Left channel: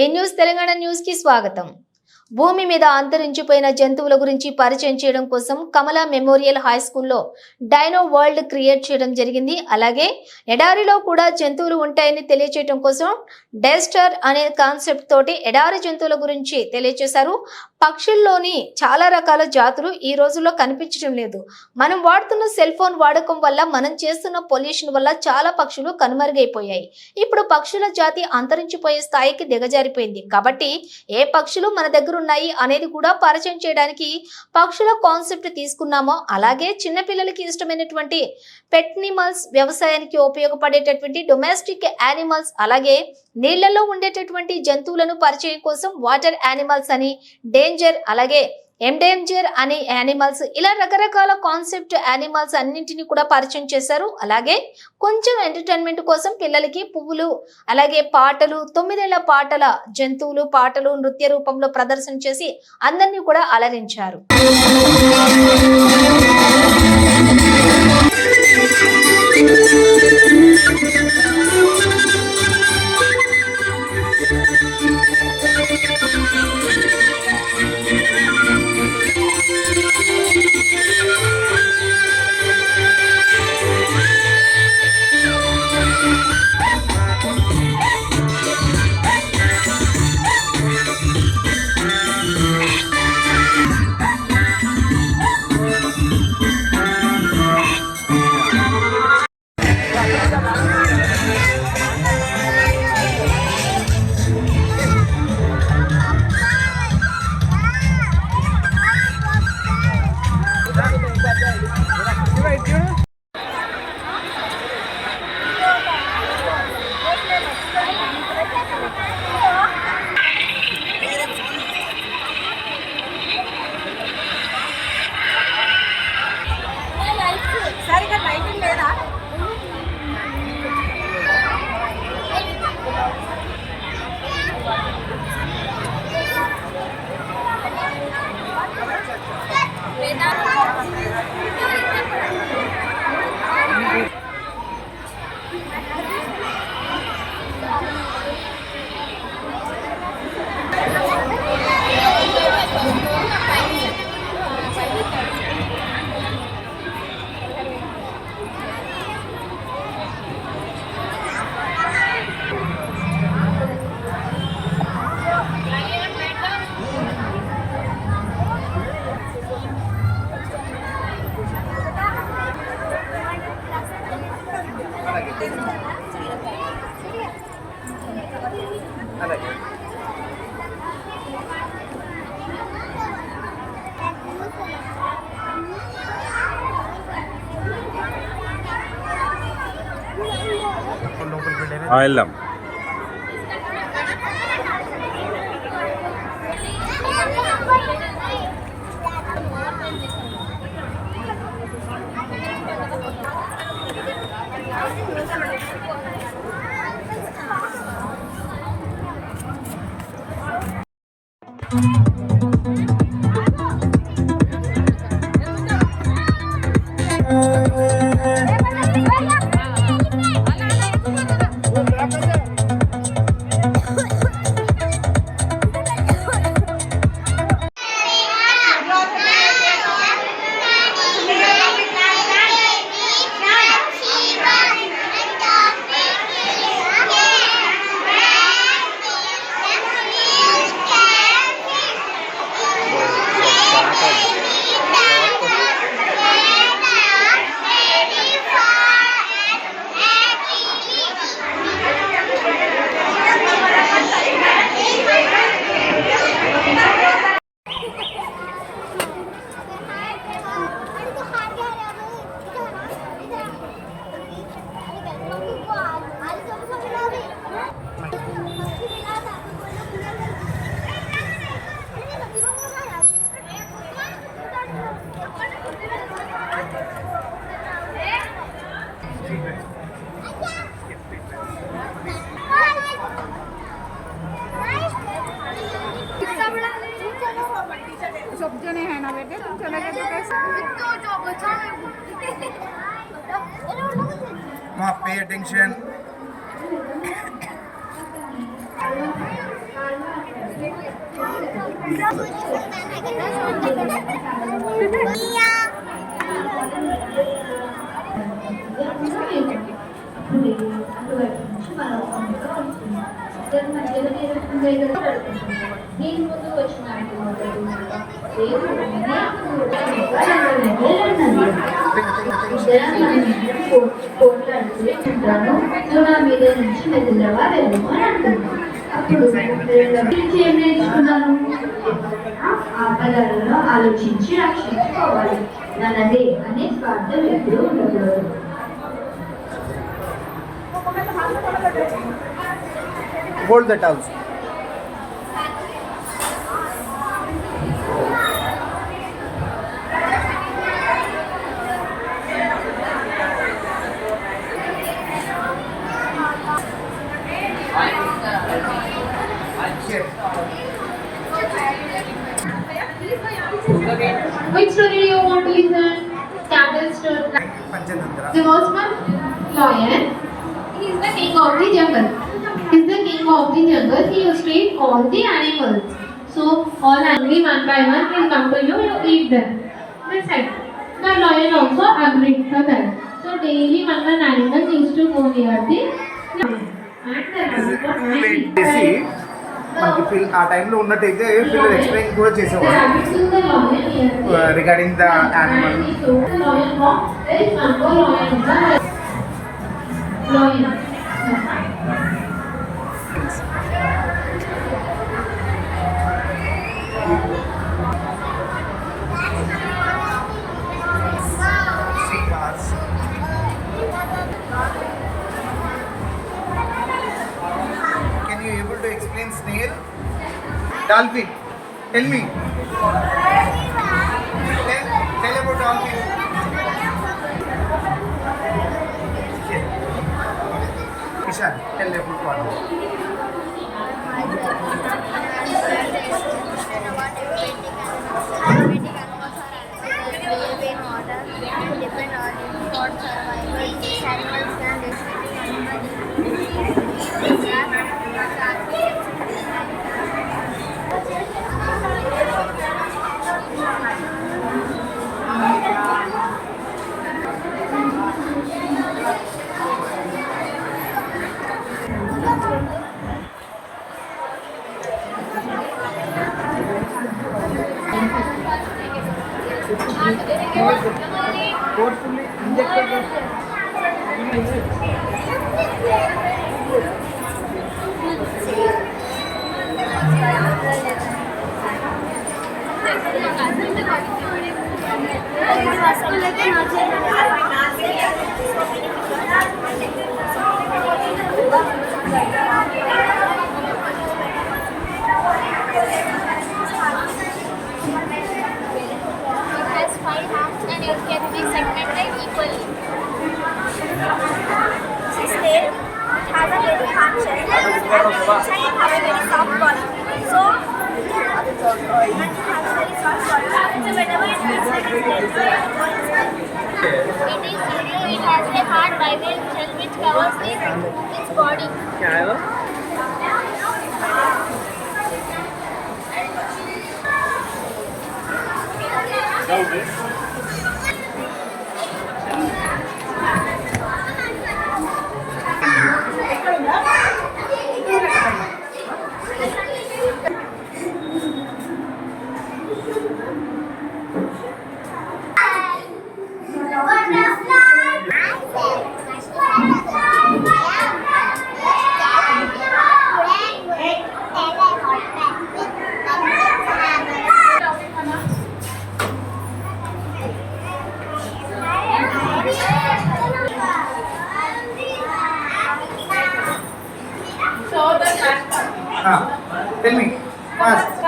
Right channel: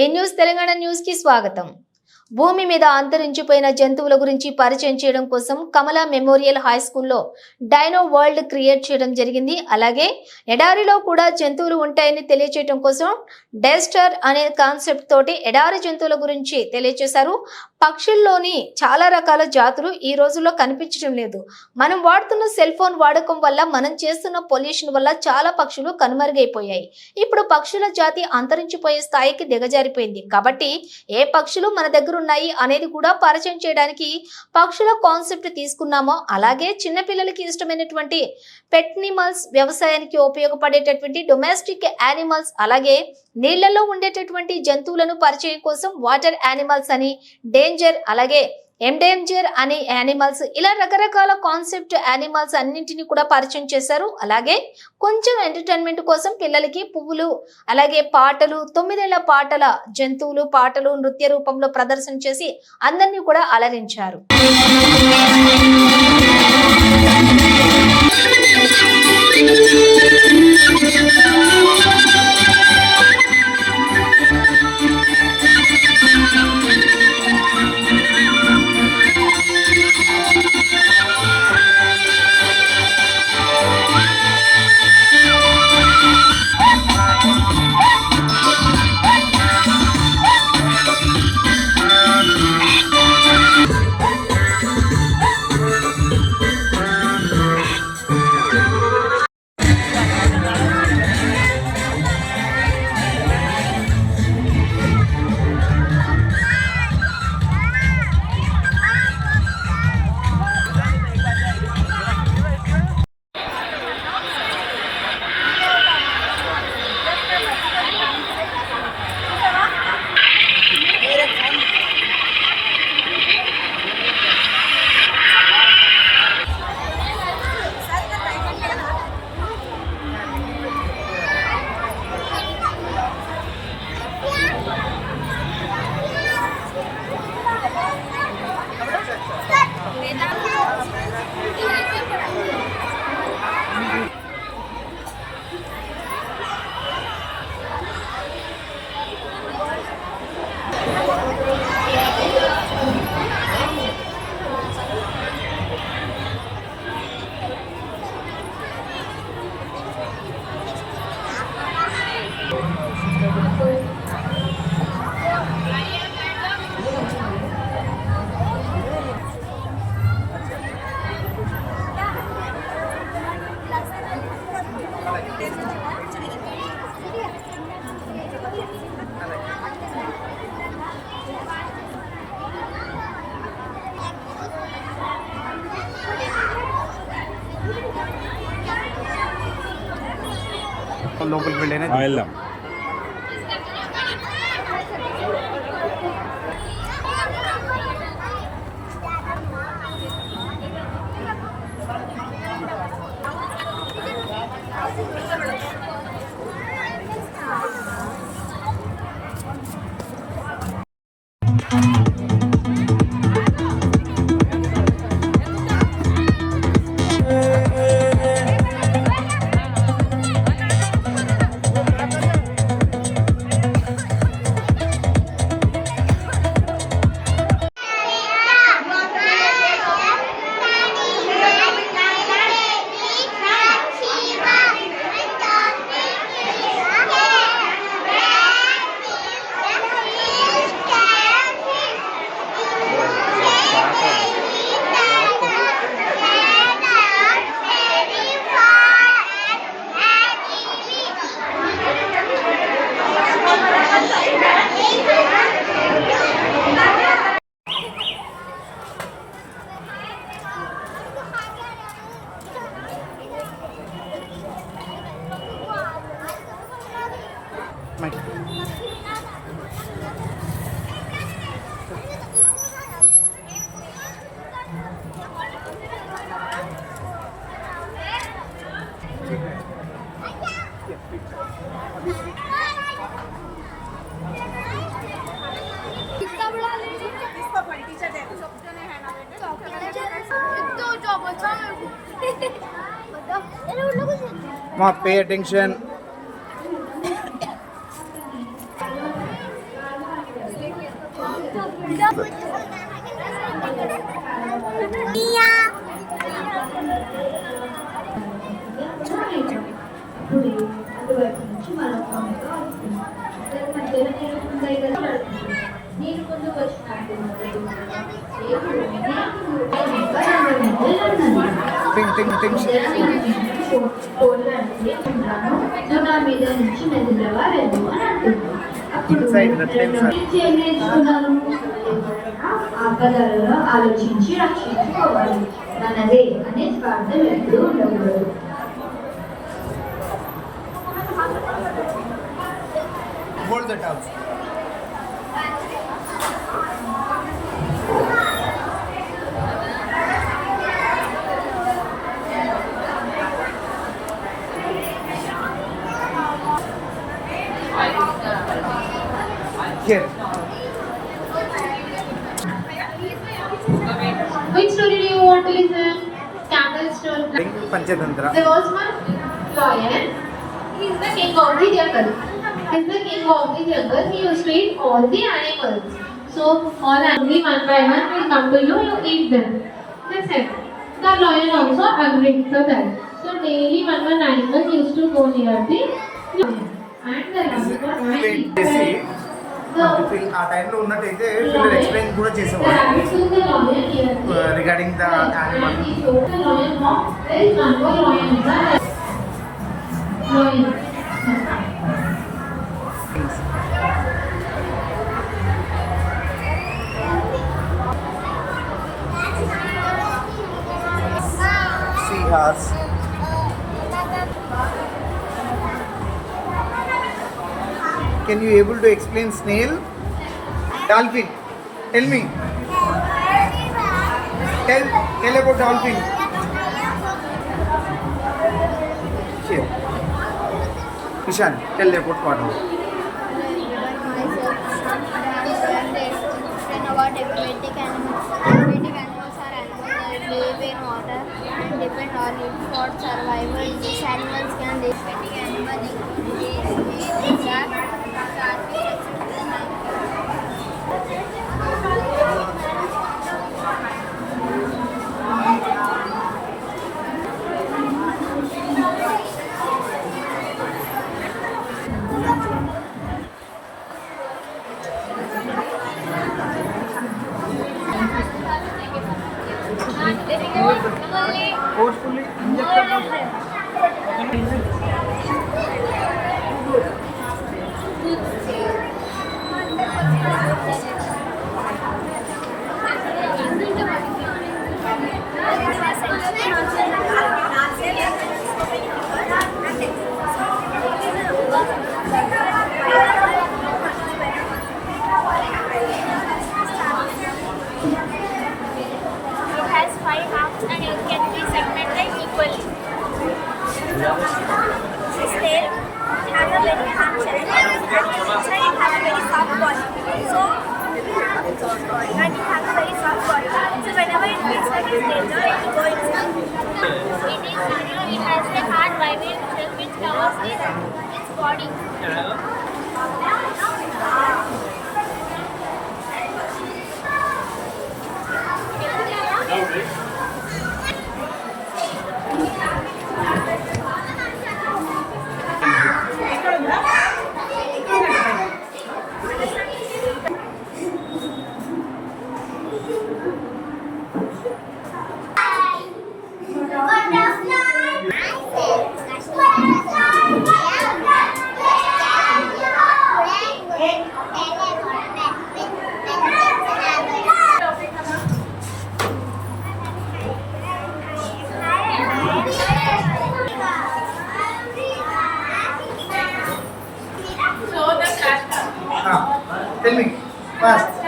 ఏ న్యూస్ తెలంగాణ న్యూస్ కి స్వాగతం. భూమి మీద అంతరించిపోయిన జంతువుల గురించి పరిచయం చేయడం కోసం కమలా మెమోరియల్ హై స్కూల్లో డైనో వరల్డ్ క్రియేట్ చేయడం జరిగింది. అలాగే ఎడారిలో కూడా జంతువులు ఉంటాయని తెలియచేయడం కోసం డెస్టర్ అనే కాన్సెప్ట్ తోటి ఎడారి జంతువుల గురించి తెలియచేశారు. పక్షుల్లోని చాలా రకాల జాతులు ఈ రోజుల్లో కనిపించడం లేదు. మనం వాడుతున్న సెల్ ఫోన్ వాడకం వల్ల, మనం చేస్తున్న పొల్యూషన్ వల్ల చాలా పక్షులు కనుమరుగైపోయాయి. ఇప్పుడు పక్షుల జాతి అంతరించిపోయే స్థాయికి దిగజారిపోయింది. కాబట్టి ఏ పక్షులు మన దగ్గర ఉన్నాయి అనేది కూడా పరిచయం చేయడానికి పక్షుల కాన్సెప్ట్ తీసుకున్నామో, అలాగే చిన్నపిల్లలకి ఇష్టమైనటువంటి పెట్నిమల్స్, వ్యవసాయానికి ఉపయోగపడేటటువంటి డొమెస్టిక్ యానిమల్స్, అలాగే నీళ్లలో ఉండేటటువంటి జంతువులను పరిచయం కోసం వాటర్ యానిమల్స్ అని, డేంజర్ అలాగే ఎండేంజర్ అనే యానిమల్స్, ఇలా రకరకాల కాన్సెప్ట్ యానిమల్స్ అన్నింటినీ కూడా పరిచయం చేశారు. అలాగే కొంచెం ఎంటర్టైన్మెంట్ కోసం పిల్లలకి పువ్వులు అలాగే పాటలు, 9 ఏళ్ల పాటల జంతువులు పాటలు నృత్య రూపంలో ప్రదర్శన చేసి అందరినీ కూడా అలరించారు. వెళ్దాం. Pay attention. ఆపదలలో ఆలోచించి రక్షించుకోవాలి. మనదే అనే స్వార్థం ఎప్పుడూ ఉండకూడదు. Hold that also. Here. Which story do you want to listen? Campbell story. Panchatantra. The first one, lion. He is the king of the jungle. He is the king of the jungle. He used to eat all the animals. So all animals one by one will come to you. You eat them. That's it. The lion also agreed for that. So daily one animal used to go near the lion. And the lion got very ఆ టైంలో ఉన్నట్టయితే పిల్లలు ఎక్స్ప్లెయిన్ కూడా చేసేవాళ్ళు regarding the animal. Seahorse. Can you able to explain snail? Dolphin. Tell me. Tell about dolphin. Here. Ishan, tell about what? Forcefully injected the has 5 halves and it can be segmented equally. Its tail has a very hard shell and inside it has a very soft body. So, whenever it feels like it's danger, it will go inside. It has a hard vibrant shell which covers its body. Tell me. Fast.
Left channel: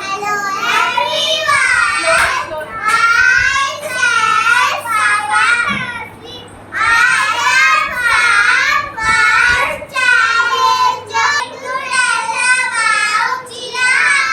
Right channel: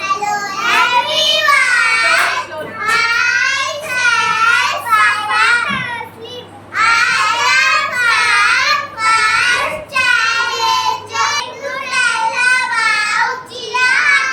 Hello everyone. Myself Parsley. I am first challenge to tell about giraffe.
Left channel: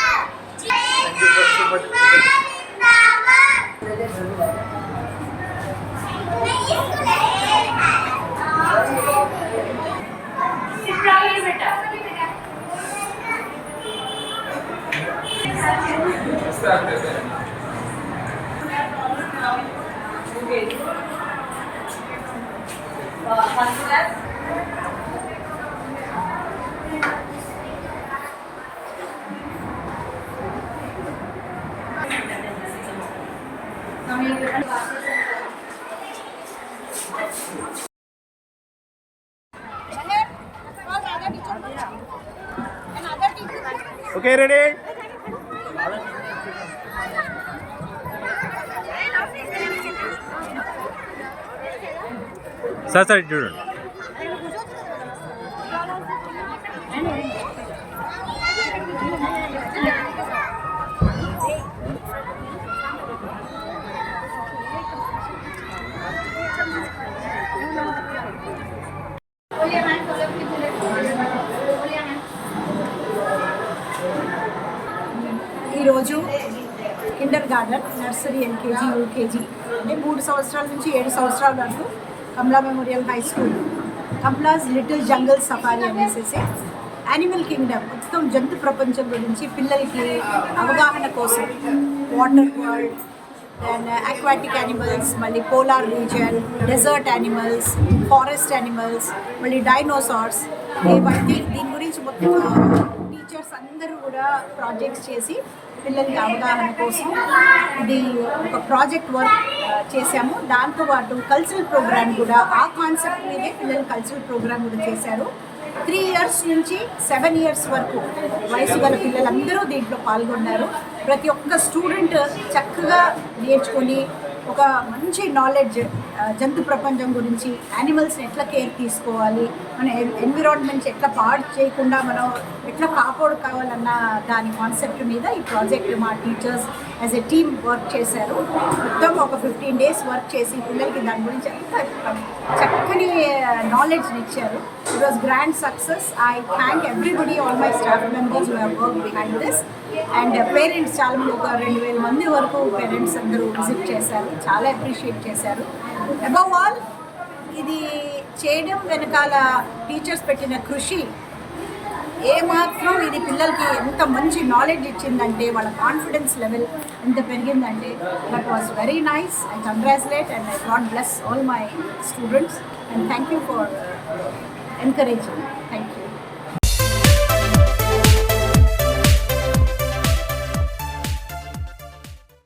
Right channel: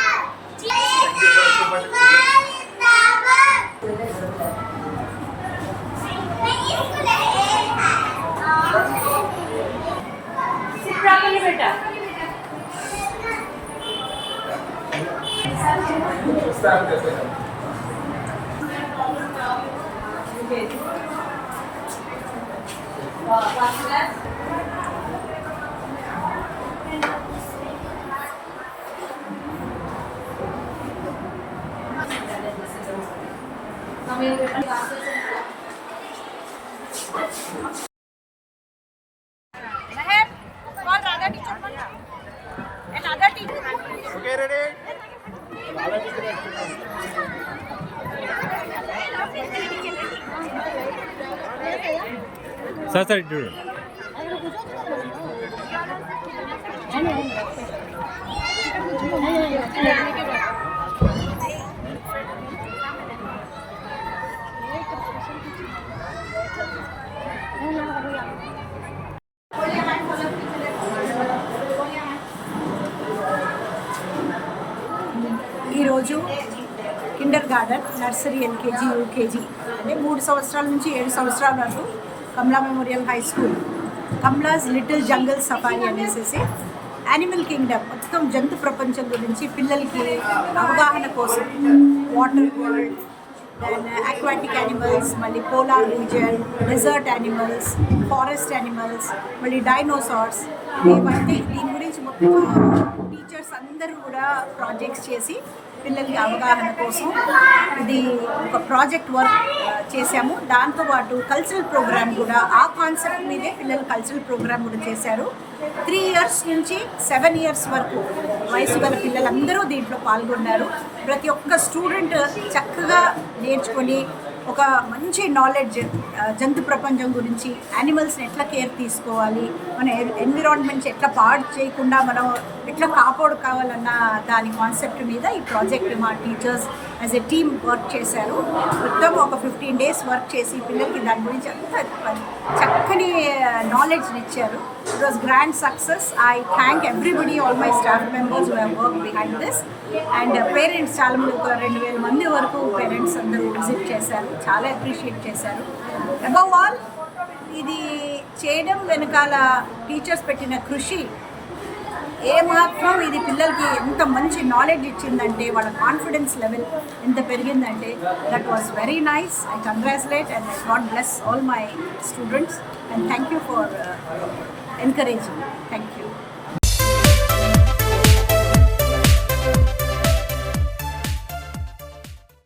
Okay, ready? Sir ఇటు చూడండి. ఈరోజు kindergarten, nursery, LKG, UKG అంటే 3 సంవత్సరాల నుంచి 7 సంవత్సరాల వరకు Kamala memorial high school Kamala's little jungle safari అనేసి animal kingdom మొత్తం జంతు ప్రపంచం గురించి పిల్లలకి అవగాహన కోసం water world, then aquatic animals, మళ్ళీ polar region, desert animals, forest animals, మళ్ళీ డైనోసార్స్ ఏవైతే దీని గురించి మొత్తం టీచర్స్ అందరూ కూడా ప్రాజెక్ట్స్ చేసి పిల్లలకి అవగాహన కోసం ఇది ఒక ప్రాజెక్ట్ వర్క్ చేశాము. దాంతోపాటు కల్చరల్ ప్రోగ్రామ్ కూడా ఆ కాన్సెప్ట్ మీదే పిల్లలు కల్చరల్ ప్రోగ్రామ్ కూడా చేశారు. 3 years నుంచి 7 years వరకు వయసు గల పిల్లలందరూ దీంట్లో పాల్గొన్నారు. ప్రతి ఒక్క స్టూడెంట్ చక్కగా నేర్చుకొని ఒక మంచి నాలెడ్జ్ జంతు ప్రపంచం గురించి, యానిమల్స్ని ఎట్లా కేర్ తీసుకోవాలి, మన ఎన్విరాన్మెంట్స్ ఎట్లా పాడు చేయకుండా మనం ఎట్లా కాపాడుకోవాలన్న దాని కాన్సెప్ట్ మీద ఈ ప్రాజెక్ట్ మా teachers as a team work చేశారు. మొత్తం ఒక 15 days వర్క్ చేసి పిల్లలకి దాని గురించి అంత చక్కని నాలెడ్జ్ని ఇచ్చారు. It was grand success. I thank everybody, all my staff members who have work behind this. And parents చాలామంది, ఒక 2000 మంది వరకు పేరెంట్స్ అందరూ విజిట్ చేశారు, చాలా అప్రిషియేట్ చేశారు. అబవ్ ఆల్ ఇది చేయడం వెనకాల టీచర్స్ పెట్టిన కృషి ఏమాత్రం ఇది పిల్లలకి ఎంత మంచి నాలెడ్జ్ ఇచ్చిందంటే, వాళ్ళ కాన్ఫిడెన్స్ లెవెల్ ఎంత పెరిగిందంటే that was very nice. I congratulate and I God bless all my students and thank you for encouraging. Thank you.